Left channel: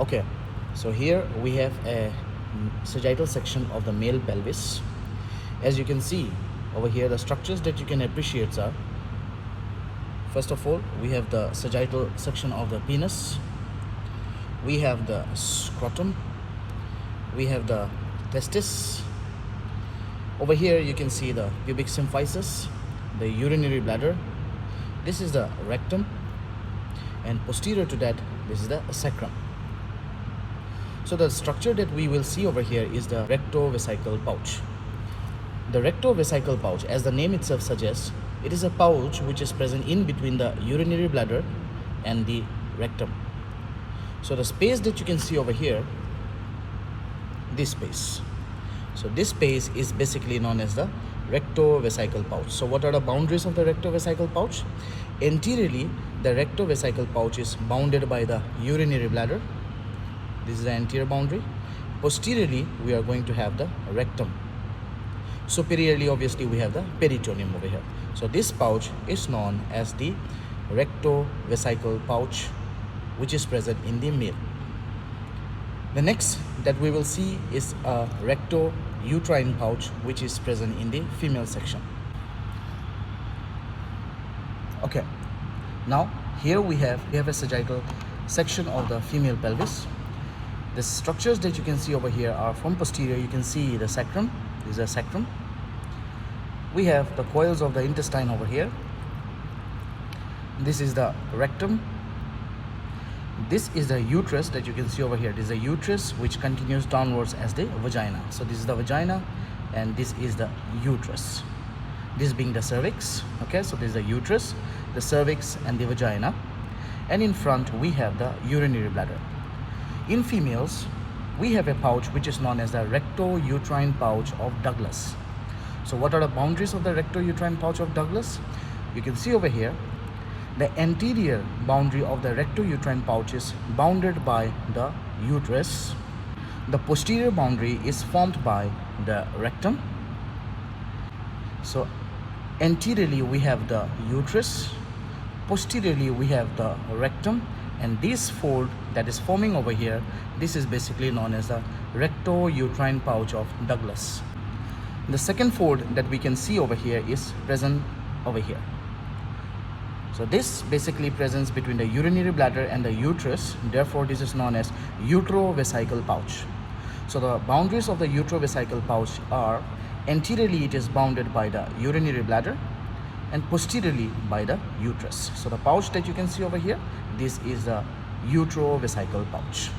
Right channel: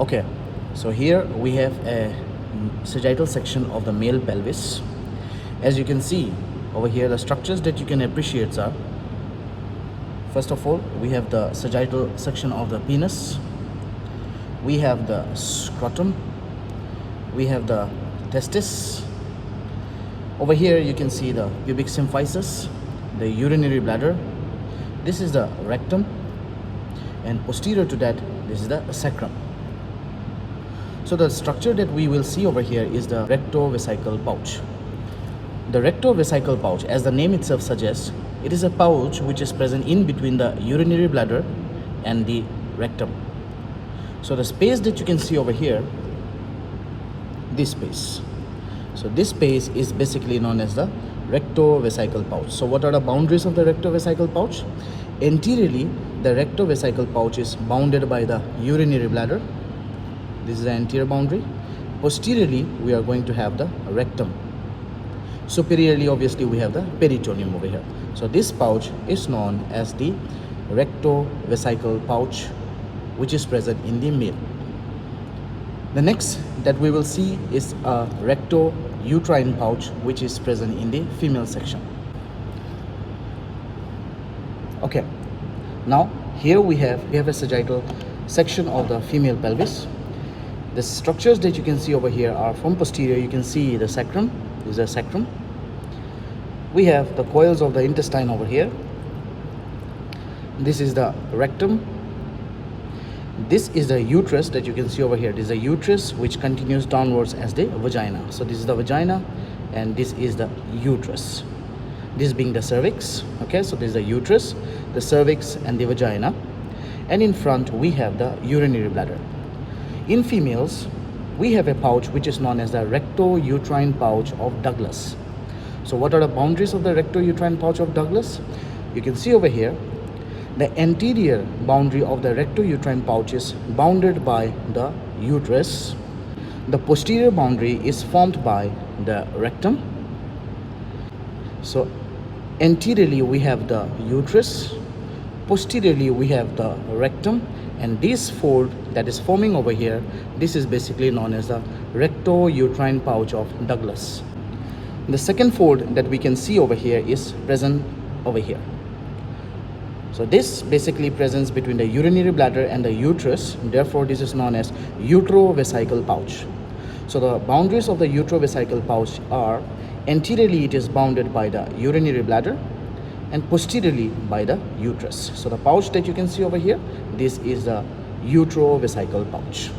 Okay, so here we have a sagittal section of the male pelvis. As you can see over here, the structures that you can appreciate are, first of all, we have the sagittal section of the penis, we have the scrotum, we have the testis. Over here you can see the pubic symphysis, the urinary bladder, this is the rectum, and posterior to that, this is the sacrum. So the structure that we will see over here is the rectovesical pouch. The rectovesical pouch, as the name itself suggests, it is a pouch which is present in between the urinary bladder and the rectum. So the space that you can see over here, this space. So this space is basically known as the rectovesical pouch. So what are the boundaries of the rectovesical pouch? Anteriorly, the rectovesical pouch is bounded by the urinary bladder. This is the anterior boundary. Posteriorly, we are going to have the rectum. Superiorly, obviously, we have the peritoneum over here. So this pouch is known as the rectovesical pouch, which is present in the male. The next that we will see is a rectouterine pouch, which is present in the female section. Okay, now here we have a sagittal section of the female pelvis. The structures that you can see over here are from posterior. You can see the sacrum. This is a sacrum. We have the coils of the intestine over here. This is the rectum. This is the uterus that you can see over here. This is the uterus which continues downwards as the vagina. So this is the vagina and this is the uterus. This being the cervix. Okay, so this is the uterus, the cervix and the vagina. And in front we have the urinary bladder. In females, we have a pouch which is known as the rectouterine pouch of Douglas. So what are the boundaries of the rectouterine pouch of Douglas? You can see over here, the anterior boundary of the rectouterine pouch is bounded by the uterus. The posterior boundary is formed by the rectum. So anteriorly we have the uterus, posteriorly we have the rectum, and this fold that is forming over here, this is basically known as the rectouterine pouch of Douglas. The second fold that we can see over here is present over here. So this basically presents between the urinary bladder and the uterus, therefore this is known as uterovesical pouch. So the boundaries of the uterovesical pouch are, anteriorly it is bounded by the urinary bladder and posteriorly by the uterus. So the pouch that you can see over here, this is the uterovesical pouch.